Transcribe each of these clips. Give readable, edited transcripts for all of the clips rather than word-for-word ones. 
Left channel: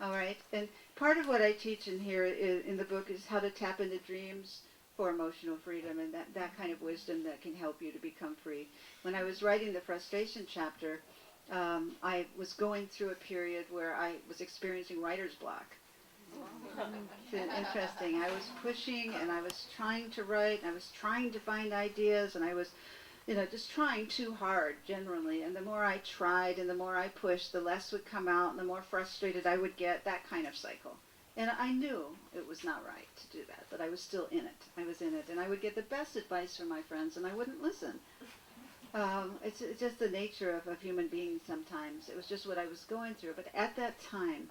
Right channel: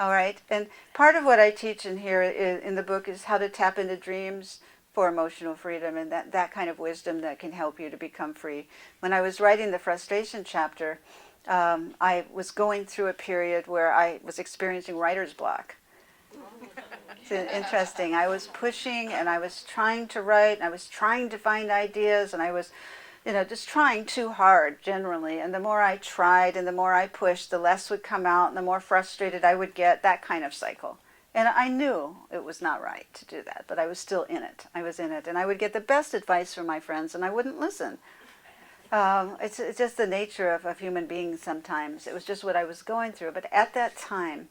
All right, and part of what I teach in here in the book is how to tap into dreams for emotional freedom, and that kind of wisdom that can help you to become free. When I was writing the frustration chapter, I was going through a period where I was experiencing writer's block. It's interesting. I was pushing and I was trying to write and I was trying to find ideas and I was just trying too hard generally. And the more I tried and the more I pushed, the less would come out and the more frustrated I would get, that kind of cycle. And I knew it was not right to do that, but I was still in it. I was in it. And I would get the best advice from my friends and I wouldn't listen. It's just the nature of human beings sometimes. It was just what I was going through. But at that time,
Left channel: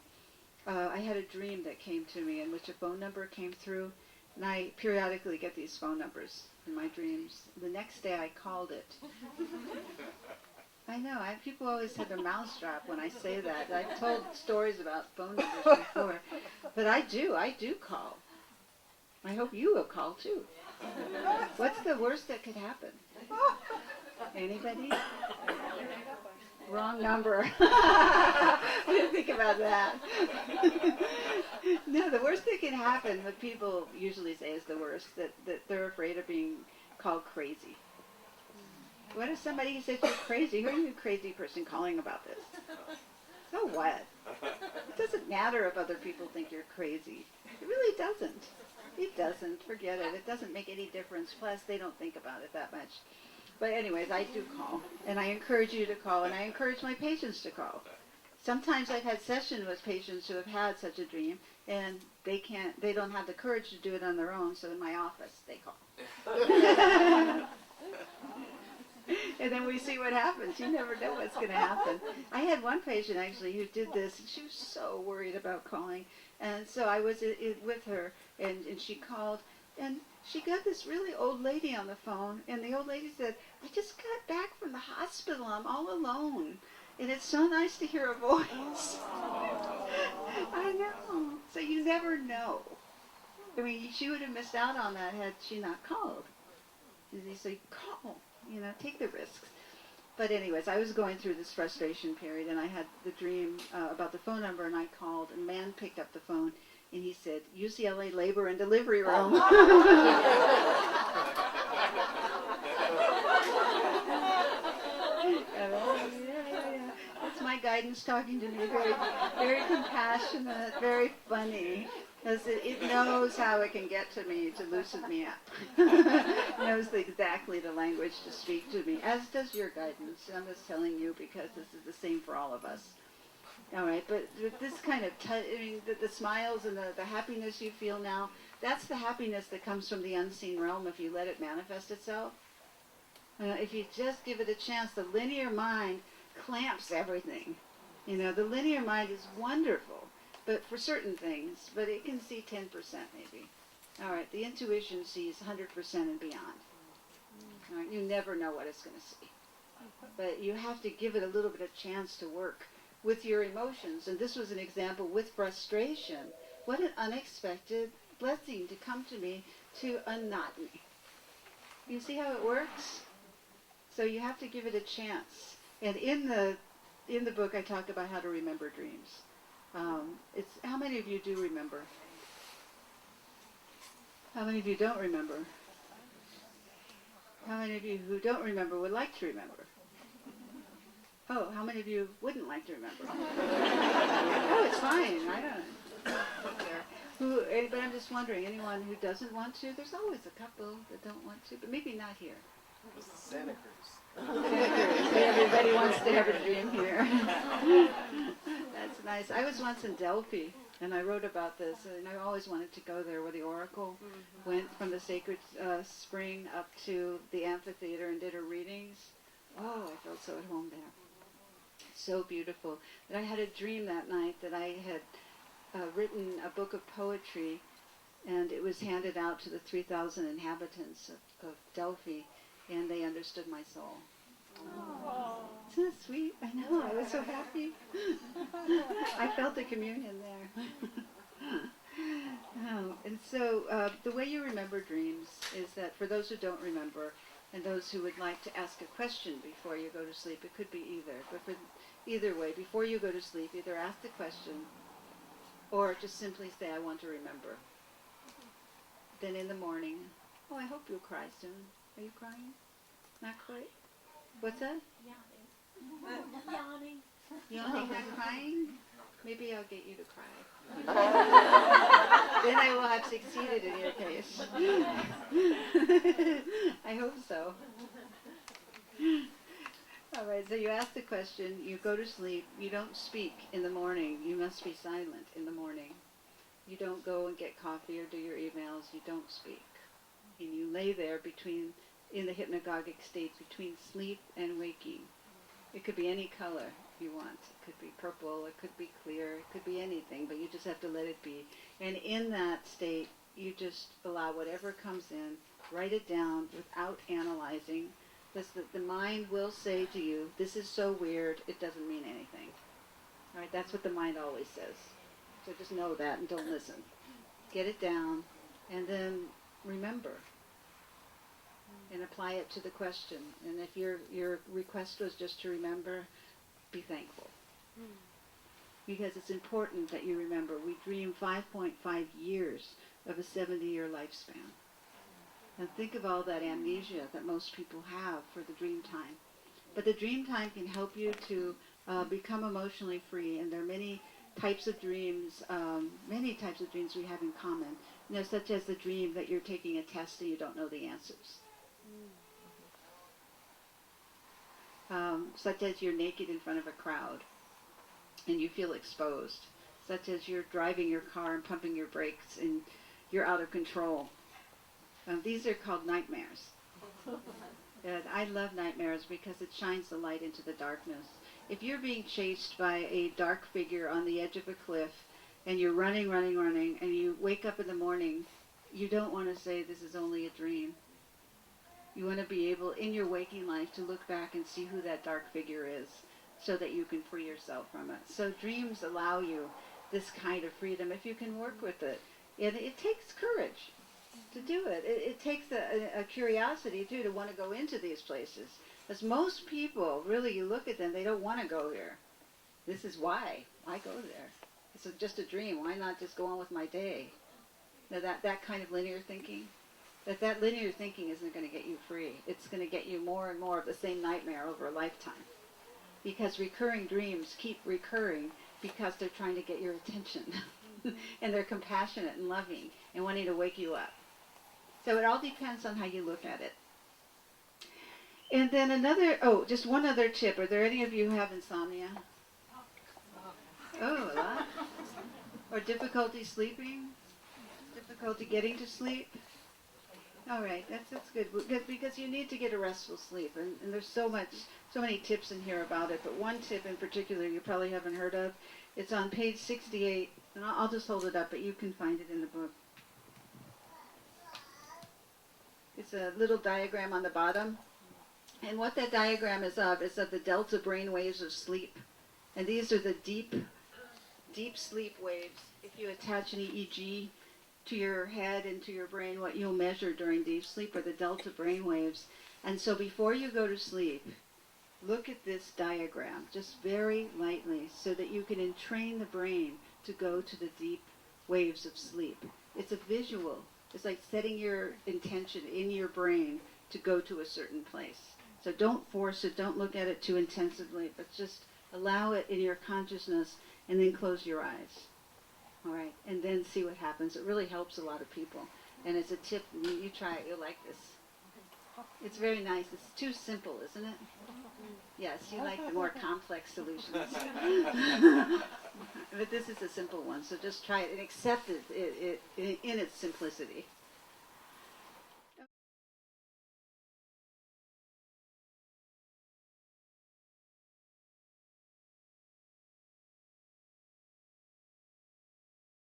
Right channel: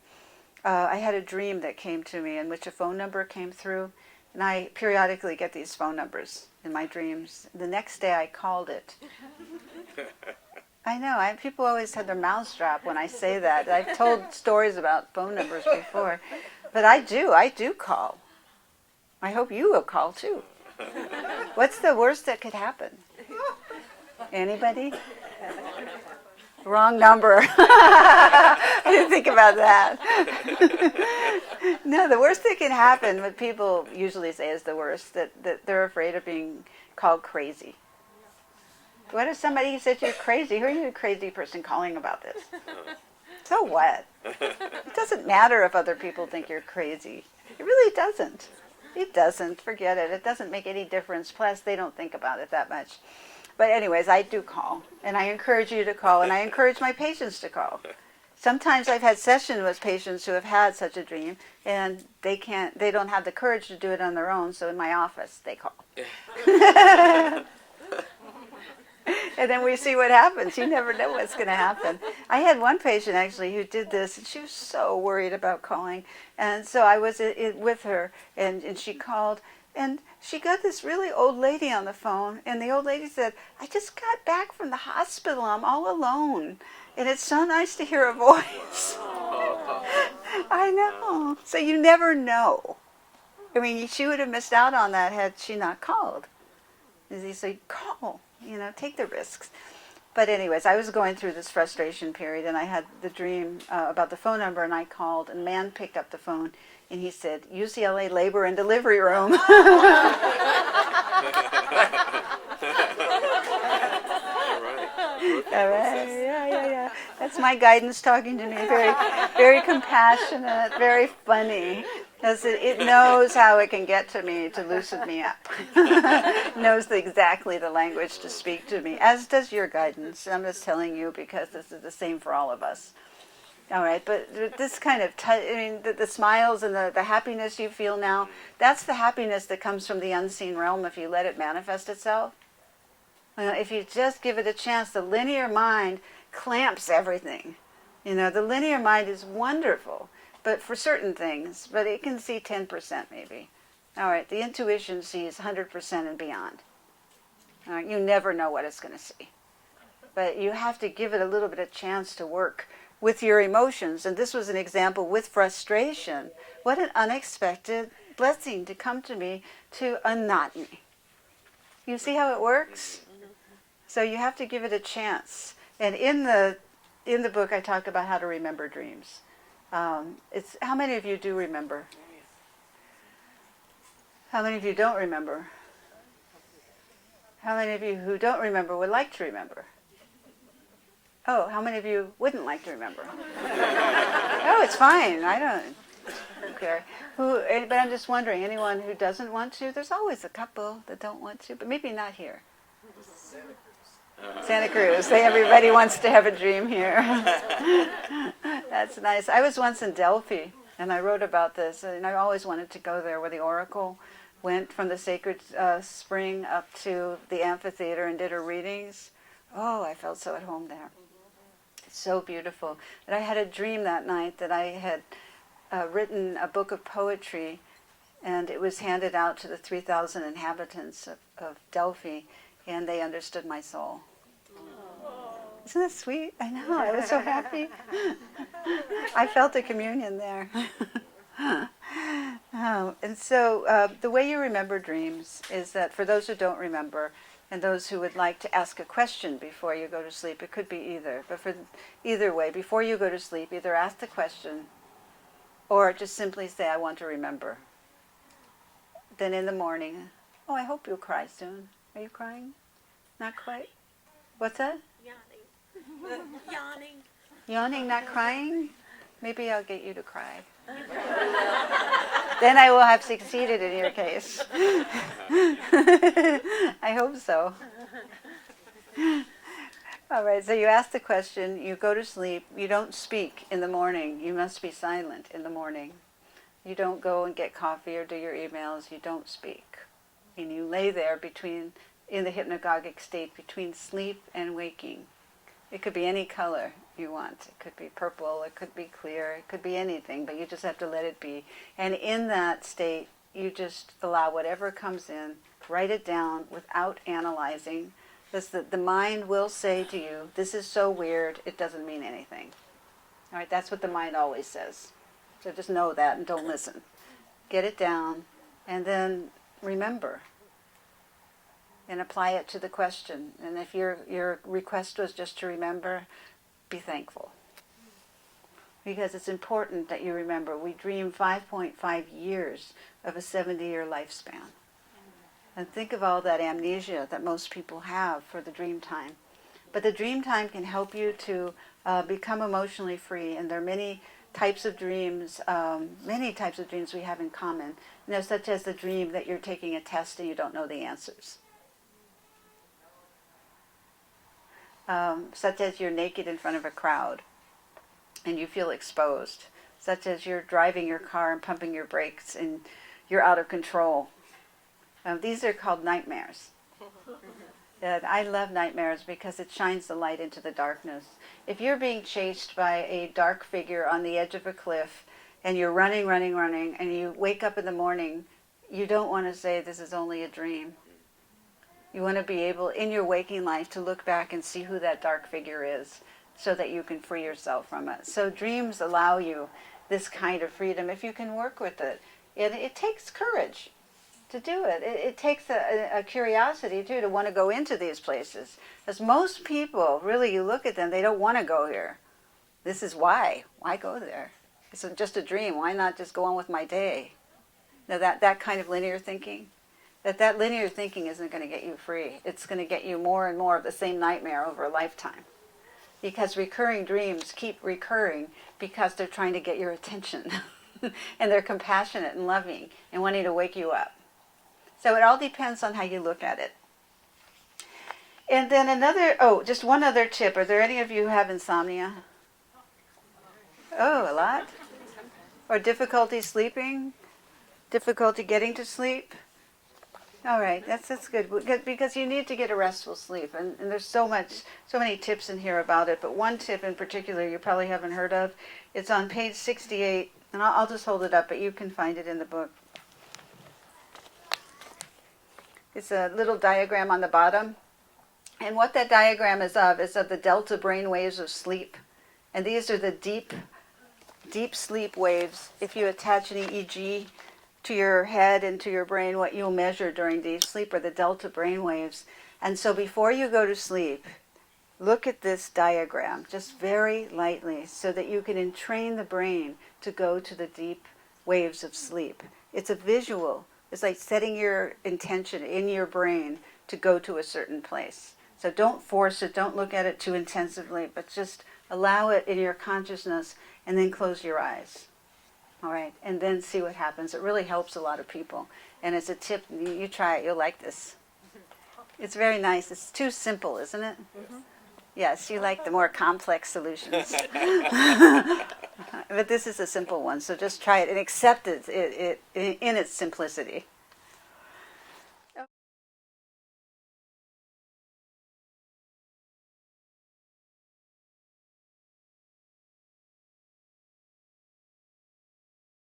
I had a dream that came to me in which a phone number came through. And I periodically get these phone numbers in my dreams. The next day I called it. I know, people always had their mouths drop when I say that. I've told stories about phone numbers before. But I do call. I hope you will call too. What's the worst that could happen? Anybody? Wrong number. I didn't think about that. No, the worst that can happen, what people usually say is the worst, that they're afraid of being called crazy. What if somebody says you're crazy? Who are you, a crazy person calling about this? So what? It doesn't matter if other people think you're crazy. It really doesn't. It doesn't. Forget it. It doesn't make any difference. Plus, they don't think about it that much. But anyways, I do call, and I encourage you to call, and I encourage my patients to call. Sometimes I've had sessions with patients who have had such a dream, and they don't have the courage to do it on their own, so in my office, they call. And then we see what happens. You never know what's going to happen. I had one patient, actually, who did this, and she was so worried about calling. And so I was with her, and she called, and she got this really old lady on the phone, and the old lady said, "I just got back from the hospital. I'm all alone. And it's so nice to hear a voice." I know. So you never know. I mean, she would have missed out on that had she not called. As they say, call, take the risks. But anyways, I was going through this frustration period, and I had the dream about the phone number, and I called, and a man picked up the phone, and he said, "UCLA labor and delivery room." All right, yeah. That's my guidance talking to me. Very, very compassionate, very funny. Because it knows how it can get to me to loosen me up. It knows exactly the language to speak to me, as does your guidance. I'm just telling you because this is the same for all of us. All right, but this kind of, the smiles and the happiness you feel now, that's the happiness that comes from the unseen realm if you let it manifest itself. If you just give it a chance, the linear mind clamps everything. The linear mind is wonderful, but for certain things, but it can see 10% maybe. All right, the intuition sees 100% and beyond. All right, you never know what it's going to see. But you have to give it a little bit of chance to work with your emotions. And this was an example with frustration. What an unexpected blessing to come to me to unknot me. You see how it works? So you have to give it a chance. And in the book, I talk about how to remember dreams. It's how many of you do remember? How many of you don't remember? How many of you who don't remember would like to remember? Oh, how many of you wouldn't like to remember? Oh, it's fine. I don't care. But I'm just wondering, anyone who doesn't want to? There's always a couple that don't want to, but maybe not here. Santa Cruz. Everybody wants to have a dream here. That's nice. I was once in Delphi, and I wrote about this, and I always wanted to go there where the oracle went from the sacred spring up to the amphitheater and did her readings. Oh, I felt so at home there. It's so beautiful. But I had a dream that night that I had written a book of poetry, and it was handed out to the 3,000 inhabitants of Delphi, and they understood my soul. Isn't that sweet? I know, I was so happy. I felt a communion there. And so the way you remember dreams is that for those who don't remember, and those who would like to ask a question before you go to sleep, it could be either. But for either way, before you go to sleep, either ask the question Or just simply say, I want to remember. Then in the morning, oh, I hope you'll cry soon. Are you crying? Not quite? What's that? Yawning. Yawning. Yawning, not crying? Maybe I'll get you to cry. Then I will have succeeded in your case. I hope so. All right, so you ask the question, you go to sleep, you don't speak in the morning, you must be silent in the morning. You don't go and get coffee or do your emails, you don't speak. And you lay there in the hypnagogic state between sleep and waking. It could be any color you want. It could be purple, it could be clear, it could be anything, but you just have to let it be. And in that state, you just allow whatever comes in, write it down without analyzing. The mind will say to you, this is so weird, it doesn't mean anything. All right, that's what the mind always says. So just know that and don't listen. Get it down and then remember and apply it to the question. And if your request was just to remember, be thankful. Because it's important that you remember. We dream 5.5 years of a 70-year lifespan. And think of all that amnesia that most people have for the dream time. But the dream time can help you to become emotionally free. And there are many types of dreams we have in common. Such as the dream that you're taking a test and you don't know the answers. Such as you're naked in front of a crowd and you feel exposed. Such as you're driving your car and pumping your brakes and you're out of control. These are called nightmares. And I love nightmares because it shines the light into the darkness. If you're being chased by a dark figure on the edge of a cliff and you're running, and you wake up in the morning, you don't want to say this is only a dream. You want to be able, in your waking life, to look back and see who that dark figure is so that you can free yourself from it. So dreams allow you this kind of freedom if you can work with it. It takes courage to do it. It takes a curiosity, too, to want to go into these places. As most people, really, you look at them, they don't want to go here. This is why. Why go there? It's just a dream. Why not just go on with my day? Now, that kind of linear thinking, that linear thinking isn't going to get you free. It's going to get you more and more of the same nightmare over a lifetime. Because recurring dreams keep recurring because they're trying to get your attention. And they're compassionate and loving and wanting to wake you up. So it all depends on how you look at it. And then just one other tip. Are there any of you who have insomnia? Oh, a lot? Or difficulty sleeping? Difficulty getting to sleep? All right, that's good. Because you need to get a restful sleep. And there's so many tips in here about it. But one tip in particular you probably haven't heard of. It's on page 68. And I'll just hold it up, but you can find it in the book. It's a little diagram on the bottom. And what that diagram is of the delta brain waves of sleep. And these are the deep sleep waves. If you attach an EEG to your head and to your brain, what you'll measure during deep sleep are the delta brain waves. And so before you go to sleep, look at this diagram, just very lightly, so that you can entrain the brain to go to the deep waves of sleep. It's a visual. It's like setting your intention in your brain to go to a certain place. So don't force it, don't look at it too intensively, but just allow it in your consciousness and then close your eyes. All right, and then see what happens. It really helps a lot of people. And as a tip, you try it, you'll like this. It's very nice. It's too simple, isn't it? Mm-hmm. Yes, you like the more complex solutions. But this is a simple one, so just try it and accept it in its simplicity.